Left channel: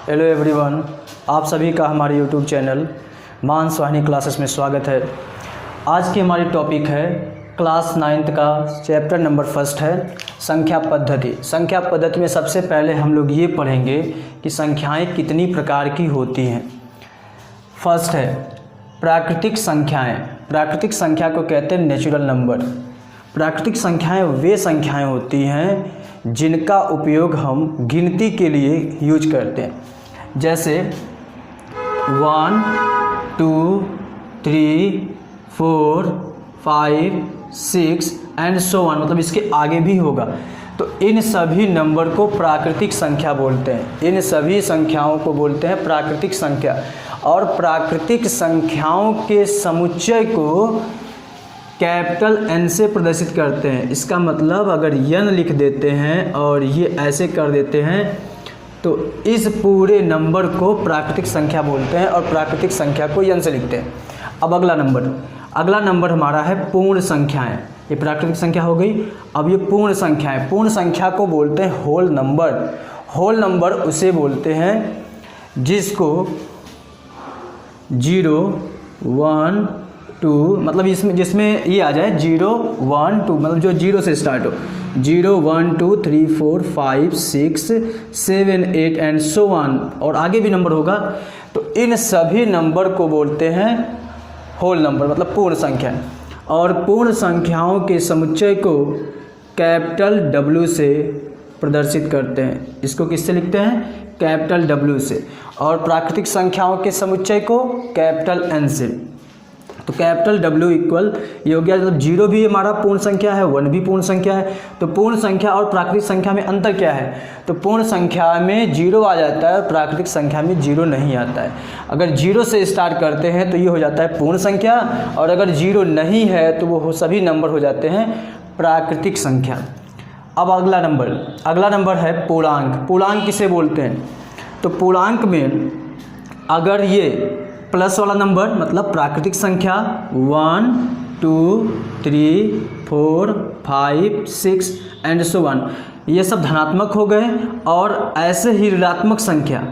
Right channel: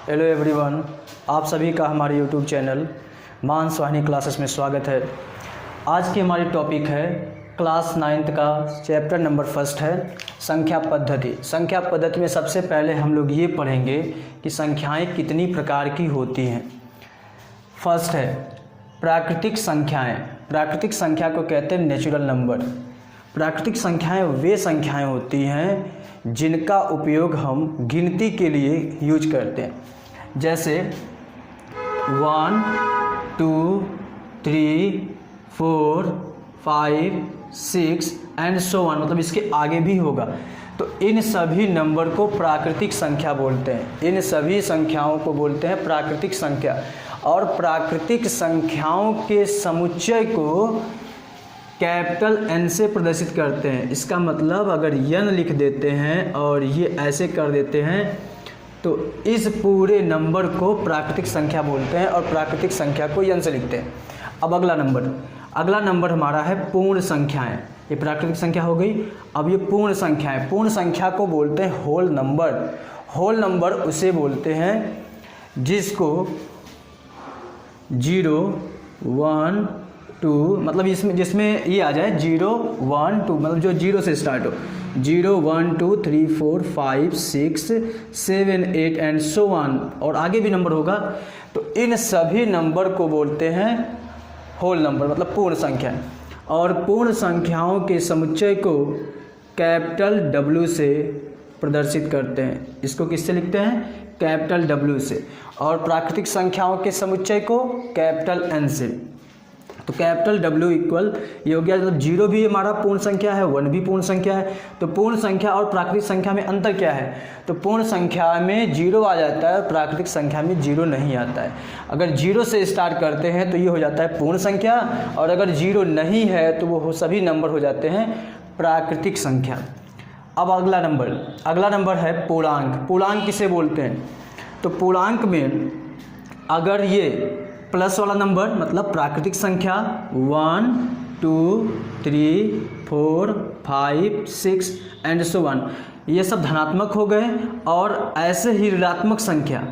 Hello everyone, आप सभी का हमारे यूट्यूब चैनल मान सोहानी क्लासेस में स्वागत है। आज की हमारी टॉपिक है क्लास 9th का चैप्टर नंबर 1 है संख्या पद्धति। संख्या पद्धति में सबसे पहले हम लोग ये पढ़ेंगे कि संख्याएं कितनी प्रकार की होती हैं। फर्स्ट है प्राकृतिक संख्याएं। प्राकृतिक संख्या को कहते हैं नेचुरल नंबर। प्राकृतिक संख्याएं वे संख्याएं होती हैं जिनका उपयोग हम गिनती के लिए यूज करते हैं, जैसे 1, 2, 3, 4, 5, 6 एंड सो ऑन, मतलब इसके आगे भी होगा। तो इन सभी नंबर को प्राकृतिक संख्या बोलते हैं। इन सभी संख्याओं को बोलते हैं प्राकृतिक संख्या। और प्राकृतिक संख्याओं के समुच्चय को कैपिटल N से प्रदर्शित करते हैं। इसका मतलब अगर n लिख देते हैं और ये ऐसे कर देते हैं तो इस पूरे नंबर को प्राकृतिक संख्या बोलते हैं और प्राकृतिक संख्या को n से लिखते हैं। अब अगला नंबर हमारा है पूर्ण संख्याएं। ये प्राकृतिक संख्या हो गई। अब ये पूर्ण संख्याएं, पूर्ण संख्या को बोलते हैं होल नंबर। होल नंबर उसे बोलते हैं जिसको 0, 1, 2, मतलब जिसमें ये आ जाए 0, 1, 2, मतलब जो 0 से स्टार्ट हो, 0, 1, 2, 3, 4, 5, 6, 7, 8 एंड सो ऑन, और आगे भी नंबर होगा। तो इन सभी नंबर को बोलते हैं होल नंबर, मतलब पूर्ण संख्या। और पूर्ण संख्याओं के समुच्चय को कैपिटल W से प्रदर्शित करते हैं। इसको किससे लिखते हैं? कैपिटल W से। और प्राकृतिक संख्याओं के समुच्चय को कैपिटल N से। तो कैपिटल W इक्वल ये हो गया, मतलब 0 भी हमारा पूर्ण संख्या है, 1 भी पूर्ण संख्या है। तो पूर्ण संख्या और प्राकृतिक संख्या में अंतर क्या है? तो पूर्ण संख्या में 0 आ जाता है, प्राकृतिक संख्या में 0 नहीं आता है। अगर 0 से स्टार्ट करते हैं तो ये हो जाता है पूर्ण संख्या, और अगर 0 नहीं है तो वो सभी नंबर हो जाते हैं प्राकृतिक संख्या। अब अगला नंबर है पूर्णांक। पूर्णांक किसे बोलते हैं? तो पूर्णांक में अगर ये प्लस वाला नंबर मतलब प्राकृतिक संख्या 1, 2, 3, 4, 5, 6 एंड सो ऑन, ये सब धनात्मक हो गए। और ऐसे ही ऋणात्मक संख्या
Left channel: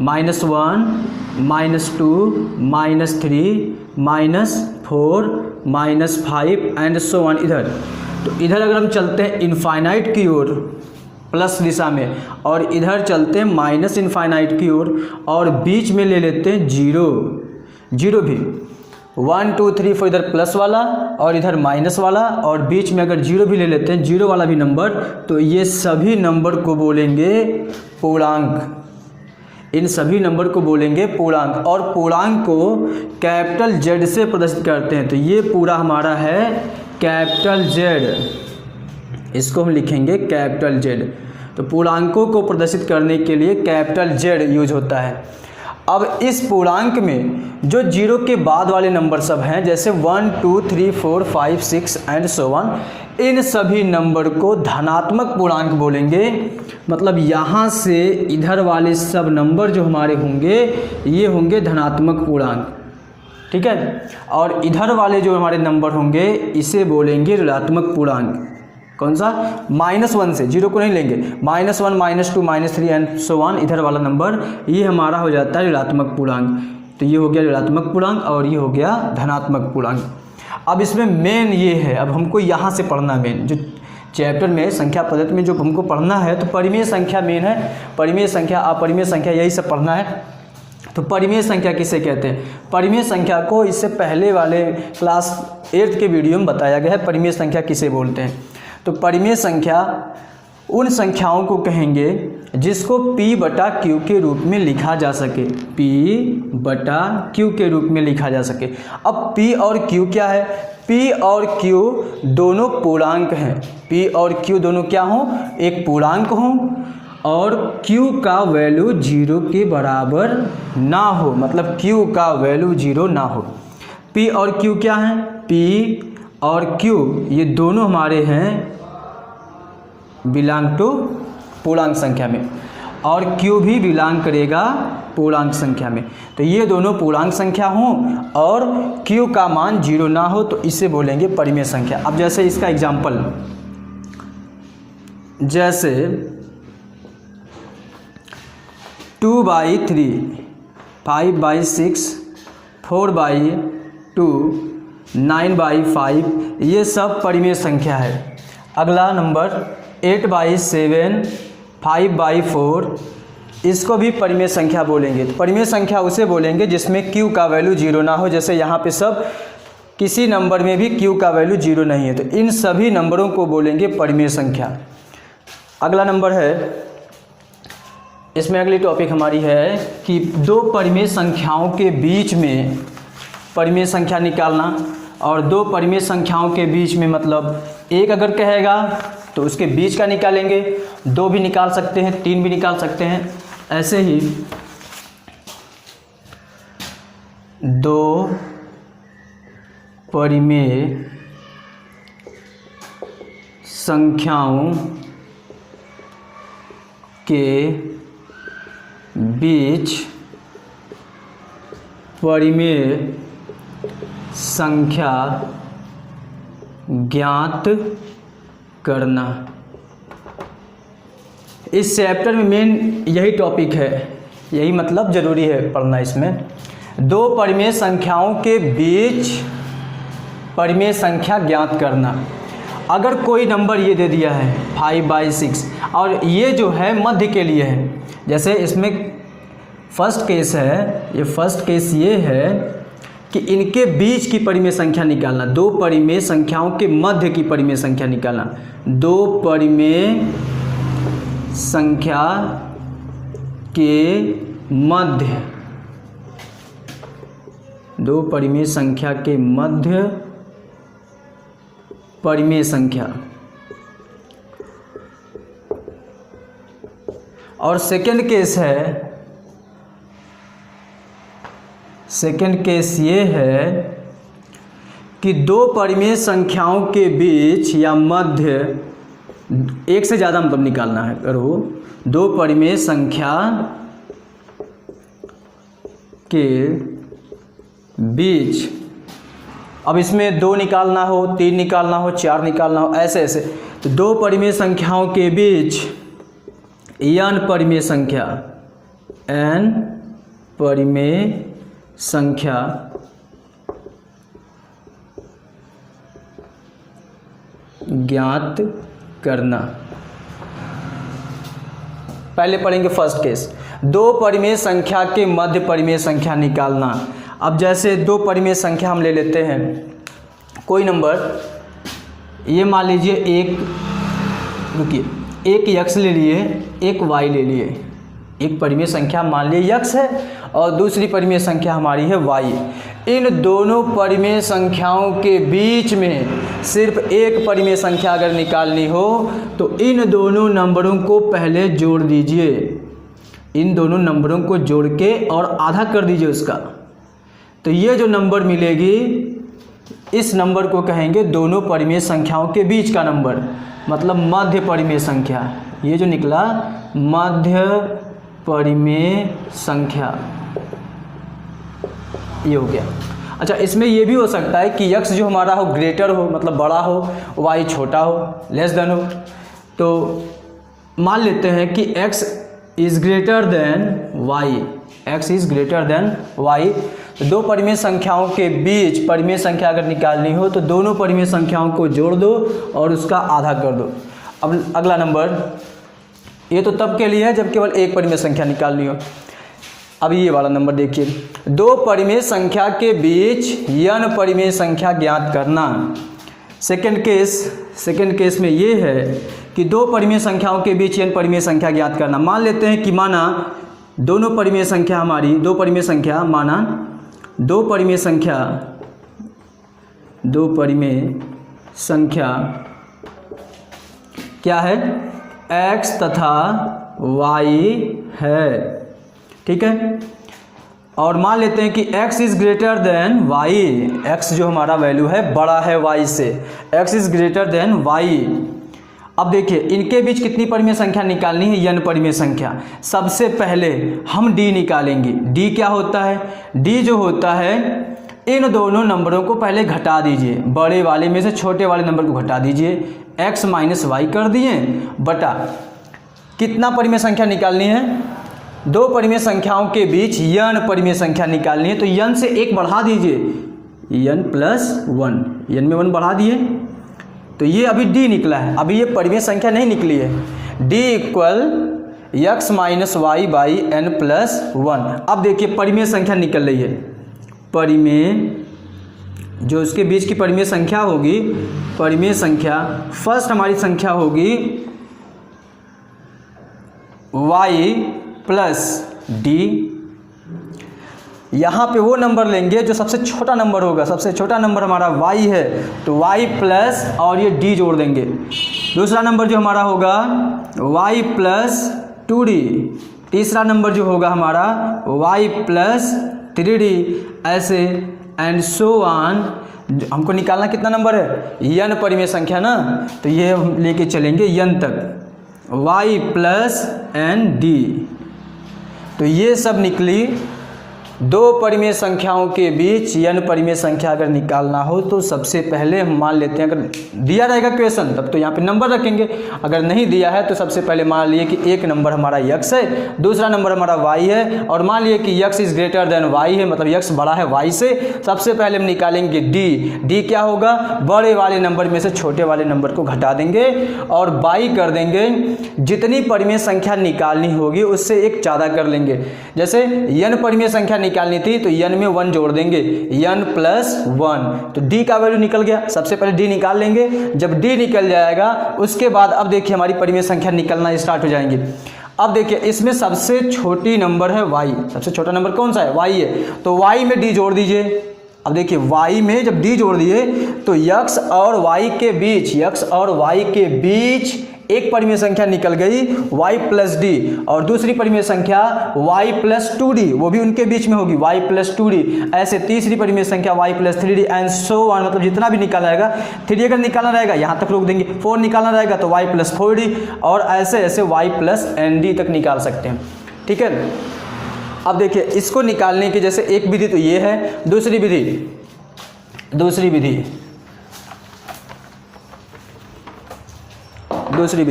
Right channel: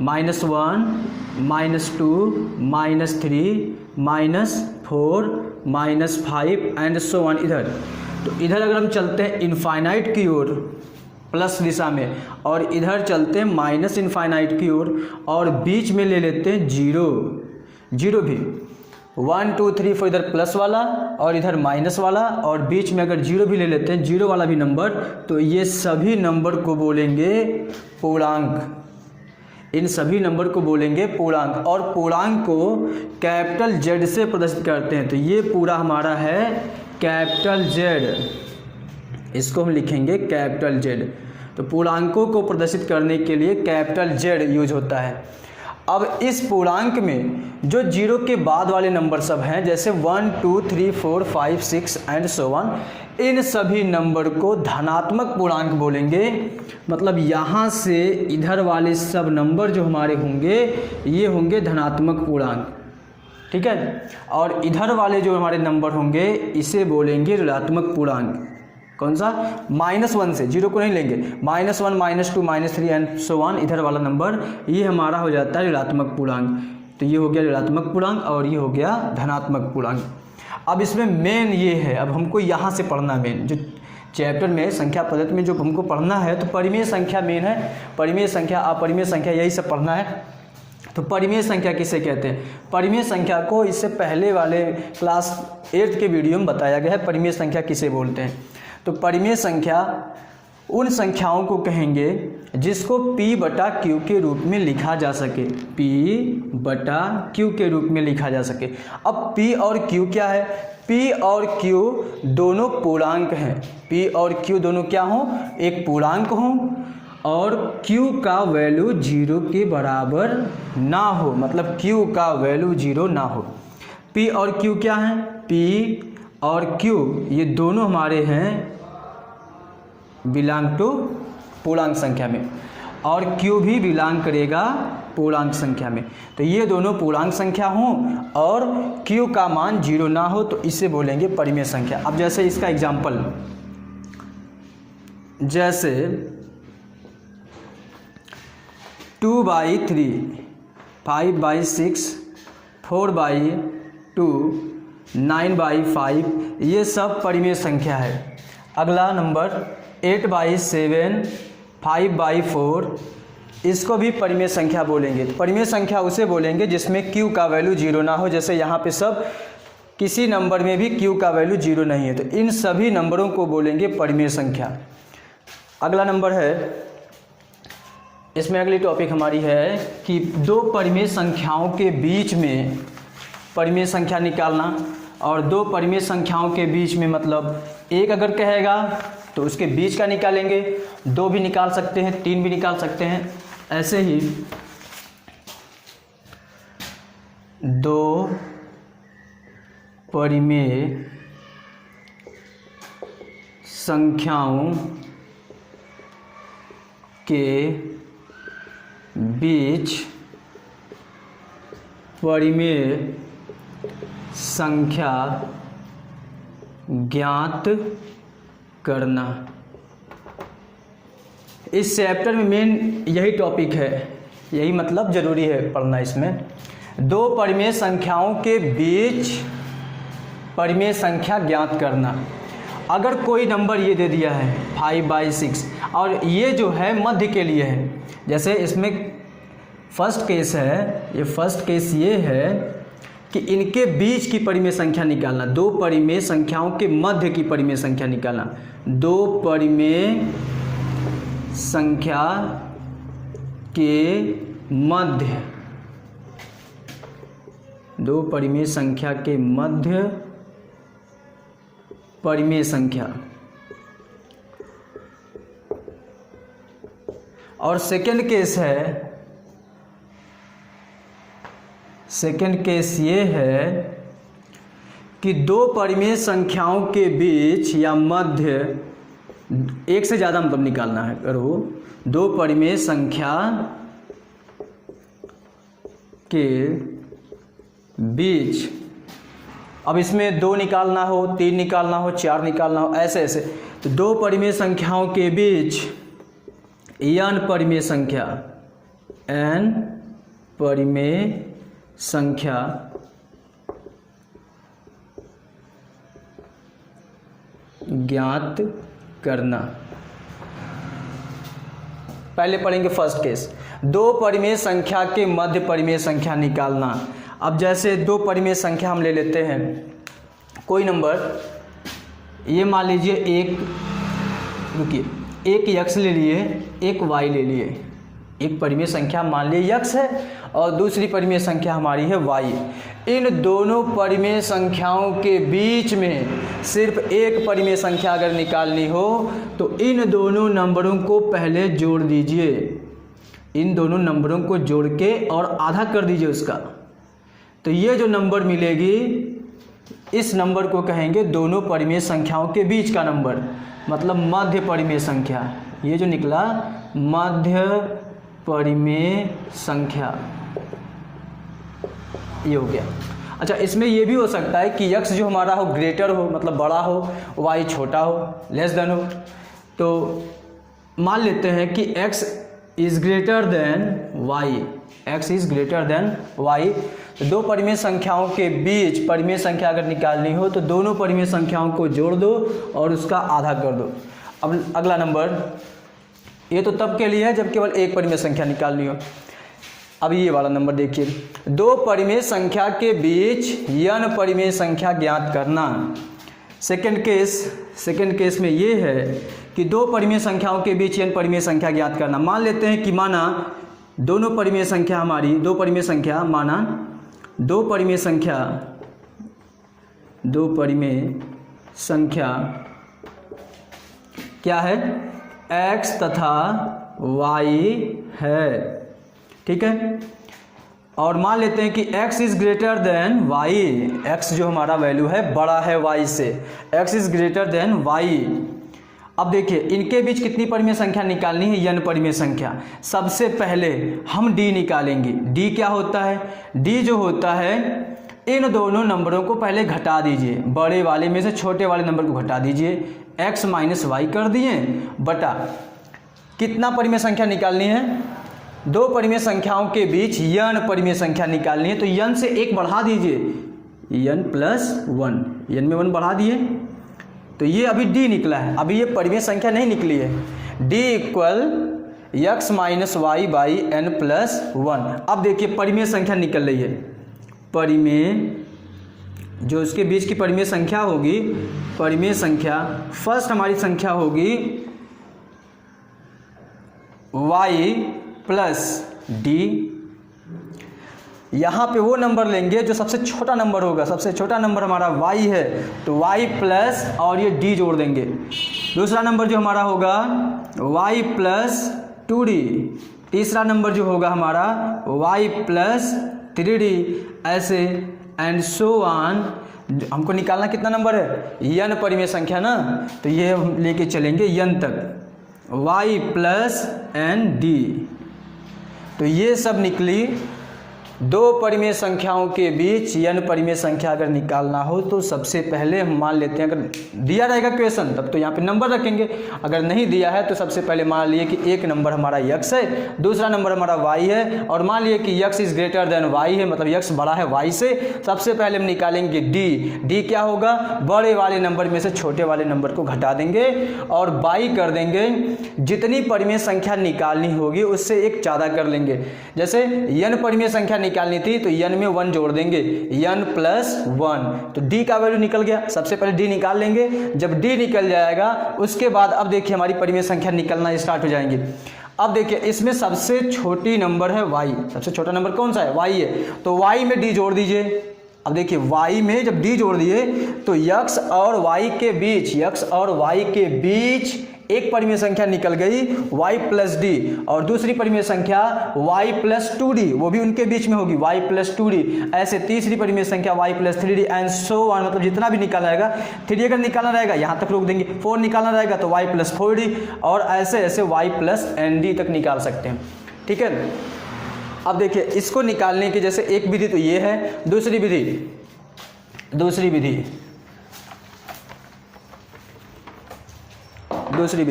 -1, -2, -3, -4, -5 एंड सो ऑन। इधर अगर हम चलते हैं इनफाइनाइट की ओर प्लस दिशा में, और इधर चलते हैं माइनस इनफाइनाइट की ओर, और बीच में ले लेते हैं 0 भी। 1, 2, 3, 4 इधर प्लस वाला और इधर माइनस वाला, और बीच में अगर 0 भी ले लेते हैं, 0 वाला भी नंबर, तो ये सभी नंबर को बोलेंगे पूर्णांक। इन सभी नंबर को बोलेंगे पूर्णांक। और पूर्णांक को कैपिटल Z से प्रदर्शित करते हैं। तो ये पूरा हमारा है कैपिटल Z, इसको हम लिखेंगे कैपिटल Z। तो पूर्णांकों को प्रदर्शित करने के लिए कैपिटल Z यूज होता है। अब इस पूर्णांक में जो 0 के बाद वाले नंबर सब हैं, जैसे 1, 2, 3, 4, 5, 6 एंड सो ऑन, इन सभी नंबर को धनात्मक पूर्णांक बोलेंगे। मतलब यहाँ से इधर वाले सब नंबर जो हमारे होंगे ये होंगे धनात्मक पूर्णांक, ठीक है। और इधर वाले जो हमारे नंबर होंगे इसे बोलेंगे ऋणात्मक पूर्णांक। कौन सा? -1 से, 0 को नहीं लेंगे। -1, -2, -3 एंड सो ऑन, इधर वाला नंबर ये हमारा हो जाता है ऋणात्मक पूर्णांक। तो ये हो गया ऋणात्मक पूर्णांक और ये हो गया धनात्मक पूर्णांक। अब इसमें मेन ये है, अब हमको यहाँ से पढ़ना मेन जो चैप्टर में संख्या पद्धति में जो हमको पढ़ना है, तो परिमेय संख्या मेन है। परिमेय संख्या, अपरिमेय संख्या, यही सब पढ़ना है। तो परिमेय संख्या किसे कहते हैं? परिमेय संख्या को इससे पहले वाले क्लास 8 के वीडियो में बताया गया है परिमेय संख्या किसे बोलते हैं। तो परिमेय संख्या उन संख्याओं को कहेंगे जिसको P/Q के रूप में लिखा जा सके। P/Q के रूप में लिखा जा सके। अब P और Q क्या है? P और Q दोनों पूर्णांक हैं। P और Q दोनों क्या हों? एक पूर्णांक हों, और Q का वैल्यू 0 के बराबर ना हो, मतलब Q का वैल्यू 0 ना हो। P और Q क्या हैं? P और Q ये दोनों हमारे हैं बिलोंग टू पूर्णांक संख्या में, और Q भी बिलोंग करेगा पूर्णांक संख्या में। तो ये दोनों पूर्णांक संख्या हों और Q का मान 0 ना हो, तो इसे बोलेंगे परिमेय संख्या। अब जैसे इसका एग्जाम्पल, जैसे 2/3, 5/6, 4/2, 9/5, ये सब परिमेय संख्या है। अगला नंबर 8/7, 5/4, इसको भी परिमेय संख्या बोलेंगे। तो परिमेय संख्या उसे बोलेंगे जिसमें q का वैल्यू 0 ना हो। जैसे यहाँ पे सब किसी नंबर में भी q का वैल्यू 0 नहीं है, तो इन सभी नंबरों को बोलेंगे परिमेय संख्या। अगला नंबर है, इसमें अगली टॉपिक हमारी है कि दो परिमेय संख्याओं के बीच में परिमेय संख्या निकालना। और दो परिमेय संख्याओं के बीच में मतलब एक अगर कहेगा तो उसके बीच का निकालेंगे, दो भी निकाल सकते हैं, तीन भी निकाल सकते हैं। ऐसे ही दो परिमेय संख्याओं के बीच परिमेय संख्या ज्ञात करना। इस चैप्टर में मेन यही टॉपिक है, यही मतलब ज़रूरी है पढ़ना। इसमें दो परिमेय संख्याओं के बीच परिमेय संख्या ज्ञात करना। अगर कोई नंबर ये दे दिया है 5/6 और ये जो है मध्य के लिए है, जैसे इसमें फर्स्ट केस है, ये फर्स्ट केस ये है कि इनके बीच की परिमेय संख्या निकालना, दो परिमेय संख्याओं के मध्य की परिमेय संख्या निकालना। दो परिमेय संख्या के मध्य, दो परिमेय संख्या के मध्य परिमेय संख्या। और सेकंड केस है, सेकंड केस ये है कि दो परिमेय संख्याओं के बीच या मध्य, एक से ज़्यादा मतलब निकालना है करो, दो परिमेय संख्या के बीच। अब इसमें दो निकालना हो, तीन निकालना हो, चार निकालना हो, ऐसे ऐसे। तो दो परिमेय संख्याओं के बीच n परिमेय संख्या, n परिमेय संख्या ज्ञात करना। पहले पढ़ेंगे फर्स्ट केस, दो परिमेय संख्या के मध्य परिमेय संख्या निकालना। अब जैसे दो परिमेय संख्या हम ले लेते हैं, कोई नंबर, ये मान लीजिए एक, रुकिए, एक x ले लिए, एक y ले लिए। एक परिमेय संख्या मान लीजिए x है और दूसरी परिमेय संख्या हमारी है y। इन दोनों परिमेय संख्याओं के बीच में सिर्फ एक परिमेय संख्या अगर निकालनी हो तो इन दोनों नंबरों को पहले जोड़ दीजिए। इन दोनों नंबरों को जोड़ के और आधा कर दीजिए उसका, तो ये जो नंबर मिलेगी इस नंबर को कहेंगे दोनों परिमेय संख्याओं के बीच का नंबर, मतलब मध्य परिमेय संख्या। ये जो निकला मध्य परिमेय संख्या, ये हो गया। अच्छा, इसमें ये भी हो सकता है कि x जो हमारा हो ग्रेटर हो, मतलब बड़ा हो, y छोटा हो, लेस देन हो। तो मान लेते हैं कि x is greater than y, x is greater than y। दो परिमेय संख्याओं के बीच परिमेय संख्या अगर निकालनी हो तो दोनों परिमेय संख्याओं को जोड़ दो और उसका आधा कर दो। अब अगला नंबर, ये तो तब के लिए है जब केवल एक परिमेय संख्या निकालनी हो। अब ये वाला नंबर देखिए, दो परिमेय संख्या के बीच n परिमेय संख्या ज्ञात करना। सेकंड केस में ये है कि दो परिमेय संख्याओं के बीच n परिमेय संख्या ज्ञात करना। मान लेते हैं कि माना दोनों परिमेय संख्या हमारी, दो परिमेय संख्या, माना दो परिमेय संख्या क्या है, x तथा y है, ठीक है। और मान लेते हैं कि x is greater than y, x जो हमारा वैल्यू है बड़ा है y से, x is greater than y। अब देखिए इनके बीच कितनी परिमेय संख्या निकालनी है, n परिमेय संख्या। सबसे पहले हम d निकालेंगे। d क्या होता है, d जो होता है इन दोनों नंबरों को पहले घटा दीजिए, बड़े वाले में से छोटे वाले नंबर को घटा दीजिए, x माइनस वाई कर दिए बटा कितना परिमेय संख्या निकालनी है, दो परिमेय संख्याओं के बीच n परिमेय संख्या निकालनी है, तो n से एक बढ़ा दीजिए, n प्लस 1, n में 1 बढ़ा दिए, तो ये अभी d निकला है, अभी ये परिमेय संख्या नहीं निकली है। d equal x minus Y by n plus 1। अब देखिए परिमेय संख्या निकल रही है, परिमेय जो उसके बीच की परिमेय संख्या होगी, परिमेय संख्या फर्स्ट हमारी संख्या होगी y प्लस d। यहाँ पे वो नंबर लेंगे जो सबसे छोटा नंबर होगा, सबसे छोटा नंबर हमारा y है, तो y प्लस और ये d जोड़ देंगे। दूसरा नंबर जो हमारा होगा y प्लस 2d। तीसरा नंबर जो होगा हमारा y प्लस 3d, ऐसे एंड सो ऑन। हमको निकालना कितना नंबर है, n परिमेय संख्या ना, तो ये हम लेके चलेंगे n तक, y प्लस एन d। तो ये सब निकली। दो परिमेय संख्याओं के बीच n परिमेय संख्या अगर निकालना हो तो सबसे पहले हम मान लेते हैं, अगर दिया रहेगा क्वेश्चन तब तो यहाँ पे नंबर रखेंगे, अगर नहीं दिया है तो सबसे पहले मान लिए कि एक नंबर हमारा x है, दूसरा नंबर हमारा y है, और मान लिए कि x is greater than y है, मतलब x बड़ा है y से। सबसे पहले हम निकालेंगे d क्या होगा, बड़े वाले नंबर में से छोटे वाले नंबर को घटा देंगे और बाई कर देंगे। जितनी परिमेय संख्या निकालनी होगी उससे एक ज़्यादा कर लेंगे। जैसे n परिमेय संख्या निकालनी थी तो n में 1 जोड़ देंगे, n प्लस 1, तो d का वैल्यू निकल गया। सबसे पहले d निकाल लेंगे, जब d निकल जाएगा उसके बाद अब देखिए हमारी परिमेय संख्या निकलना स्टार्ट हो जाएंगी। अब देखिए इसमें सबसे छोटी नंबर है y, सबसे छोटा नंबर कौन सा है, y है, तो y में d जोड़ दीजिए। अब देखिए y में जब d जोड़ दिए तो x और y के बीच, x और y के बीच एक परिमेय संख्या निकल गई y प्लस डी, और दूसरी परिमेय संख्या y प्लस 2d, वो भी उनके बीच में होगी y प्लस 2d। ऐसे तीसरी परिमेय संख्या y plus 3d and so on, मतलब जितना भी निकाला रहेगा, 3 अगर निकालना रहेगा यहाँ तक रोक देंगे, 4 निकालना रहेगा तो y प्लस 4d, और ऐसे ऐसे y प्लस nd तक निकाल सकते हैं। ठीक है, अब देखिए इसको निकालने की जैसे एक विधि तो ये है, दूसरी विधि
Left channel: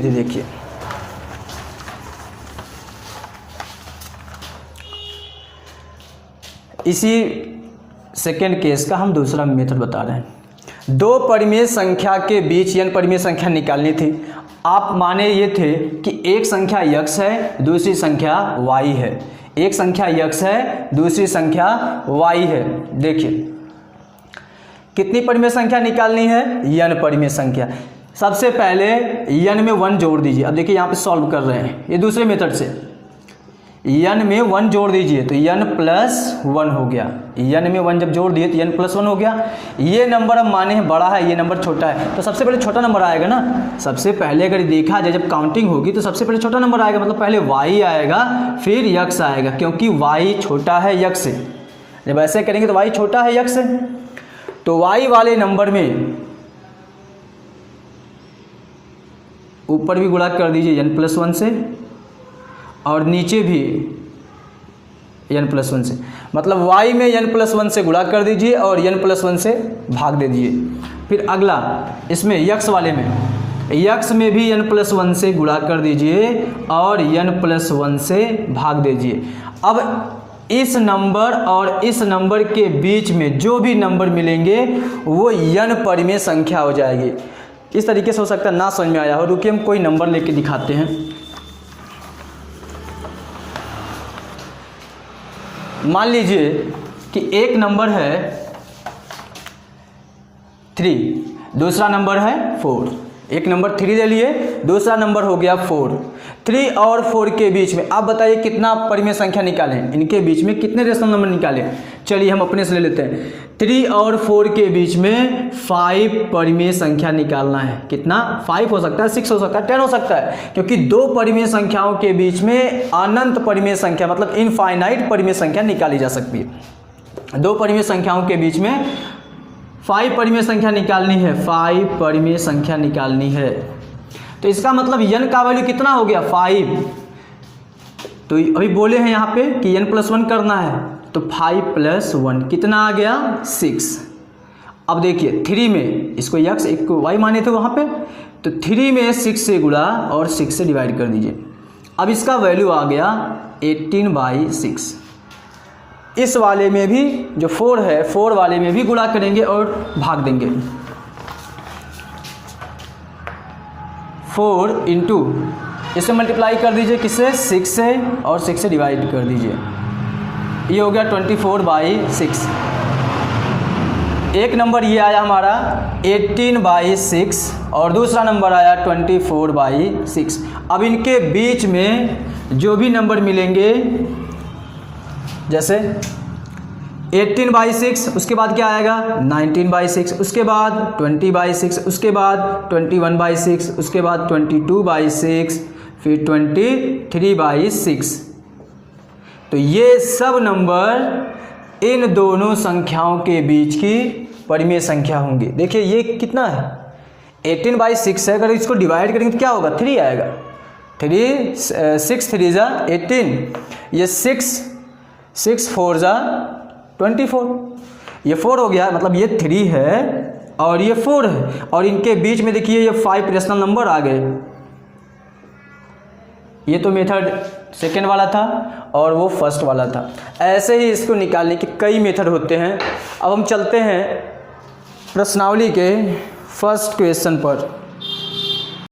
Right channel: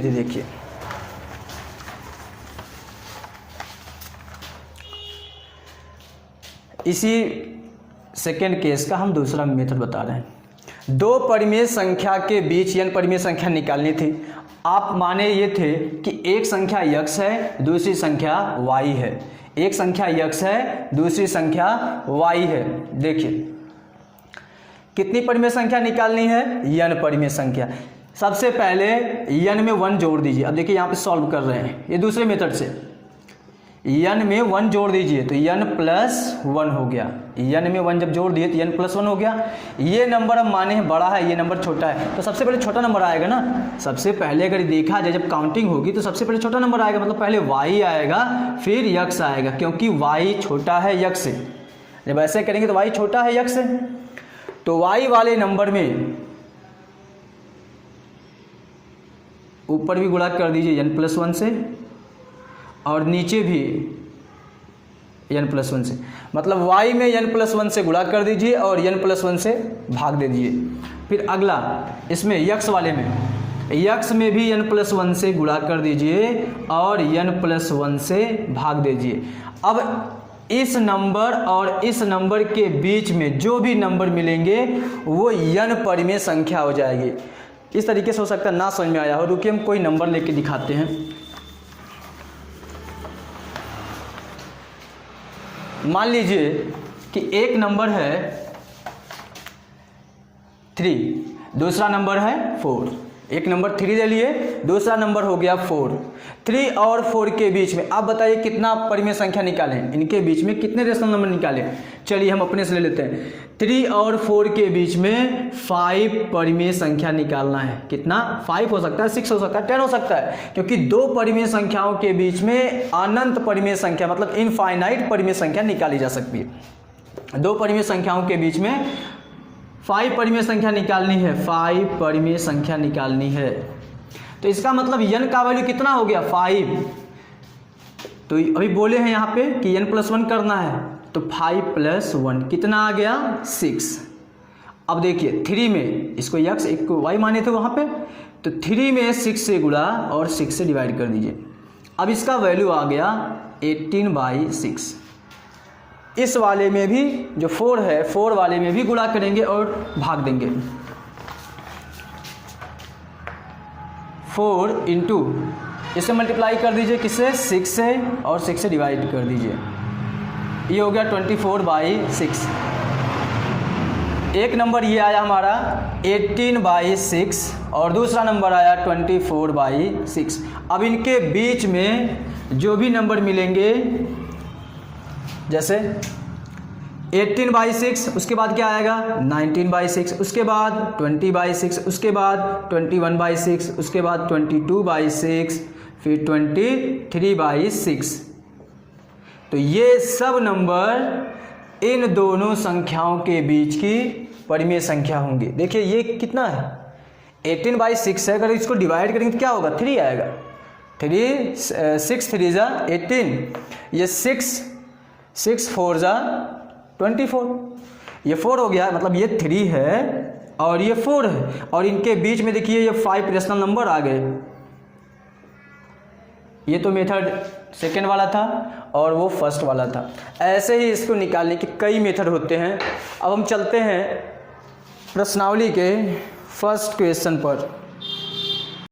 देखिए, इसी सेकेंड केस का हम दूसरा मेथड बता रहे हैं। दो परिमेय संख्या के बीच n परिमेय संख्या निकालनी थी। आप माने ये थे कि एक संख्या x है, दूसरी संख्या y है, एक संख्या x है, दूसरी संख्या y है। देखिए कितनी परिमेय संख्या निकालनी है, n परिमेय संख्या। सबसे पहले n में 1 जोड़ दीजिए। अब देखिए यहाँ पे सॉल्व कर रहे हैं ये दूसरे मेथड से, n में 1 जोड़ दीजिए तो n प्लस 1 हो गया। n में 1 जब जोड़ दिए तो n प्लस 1 हो गया। ये नंबर हम माने हैं बड़ा है, ये नंबर छोटा है, तो सबसे पहले छोटा नंबर आएगा ना। सबसे पहले अगर देखा जाए जब काउंटिंग होगी तो सबसे पहले छोटा नंबर आएगा, मतलब पहले y आएगा फिर x आएगा, क्योंकि y छोटा है x से। जब ऐसे करेंगे तो y छोटा है x से, तो y वाले नंबर में ऊपर भी गुणा कर दीजिए n प्लस 1 से, और नीचे भी n प्लस 1 से, मतलब y में n प्लस 1 से गुणा कर दीजिए और n प्लस 1 से भाग दे दीजिए। फिर अगला इसमें x वाले में, x में भी n प्लस 1 से गुणा कर दीजिए और n प्लस 1 से भाग दीजिए। अब इस नंबर और इस नंबर के बीच में जो भी नंबर मिलेंगे वो n परिमेय संख्या हो जाएगी। इस तरीके से हो सकता है ना समझ में आया हो, रुकिए हम कोई नंबर लेके दिखाते हैं। मान लीजिए कि एक नंबर है 3, दूसरा नंबर है 4। एक नंबर 3 ले लिए, दूसरा नंबर हो गया 4। 3 और 4 के बीच में आप बताइए कितना परिमेय संख्या निकालें, इनके बीच में कितने रेशनल नंबर निकालें। चलिए हम अपने से ले लेते हैं, 3 और 4 के बीच में 5 परिमेय संख्या निकालना है। कितना, 5 हो सकता है, 6 हो सकता है, 10 हो सकता है, क्योंकि दो परिमेय संख्याओं के बीच में अनंत परिमेय संख्या मतलब इनफाइनाइट परिमेय संख्या निकाली जा सकती है। दो परिमेय संख्याओं के बीच में 5 परिमेय संख्या निकालनी है, 5 परिमेय संख्या निकालनी है। तो इसका मतलब n का वैल्यू कितना हो गया, 5। तो अभी बोले हैं यहाँ पे कि n प्लस 1 करना है, तो 5 प्लस 1 कितना आ गया, 6। अब देखिए 3 में इसको x एक को y माने थे वहाँ पे, तो 3 में 6 से गुणा और 6 से डिवाइड कर दीजिए। अब इसका वैल्यू आ गया 18/6। इस वाले में भी जो 4 है 4 वाले में भी गुणा करेंगे और भाग देंगे। 4 इंटू इसे मल्टीप्लाई कर दीजिए किससे, 6 से, और 6 से डिवाइड कर दीजिए, ये हो गया 24/6। एक नंबर ये आया हमारा 18/6 और दूसरा नंबर आया 24/6। अब इनके बीच में जो भी नंबर मिलेंगे, जैसे 18/6, उसके बाद क्या आएगा 19/6, उसके बाद 20/6, उसके बाद 21/6, उसके बाद 22/6, फिर 23/6। तो ये सब नंबर इन दोनों संख्याओं के बीच की परिमेय संख्या होंगी। देखिए ये कितना है 18/6 है, अगर इसको डिवाइड करेंगे तो क्या होगा 3 आएगा, 6 3 जा 18, ये 6 4 जा 24, ये 4 हो गया, मतलब ये 3 है और ये 4 है, और इनके बीच में देखिए ये 5 रेशनल नंबर आ गए। ये तो मेथड सेकेंड वाला था और वो फर्स्ट वाला था। ऐसे ही इसको निकालने के कई मेथड होते हैं। अब हम चलते हैं प्रश्नावली के फर्स्ट क्वेश्चन पर।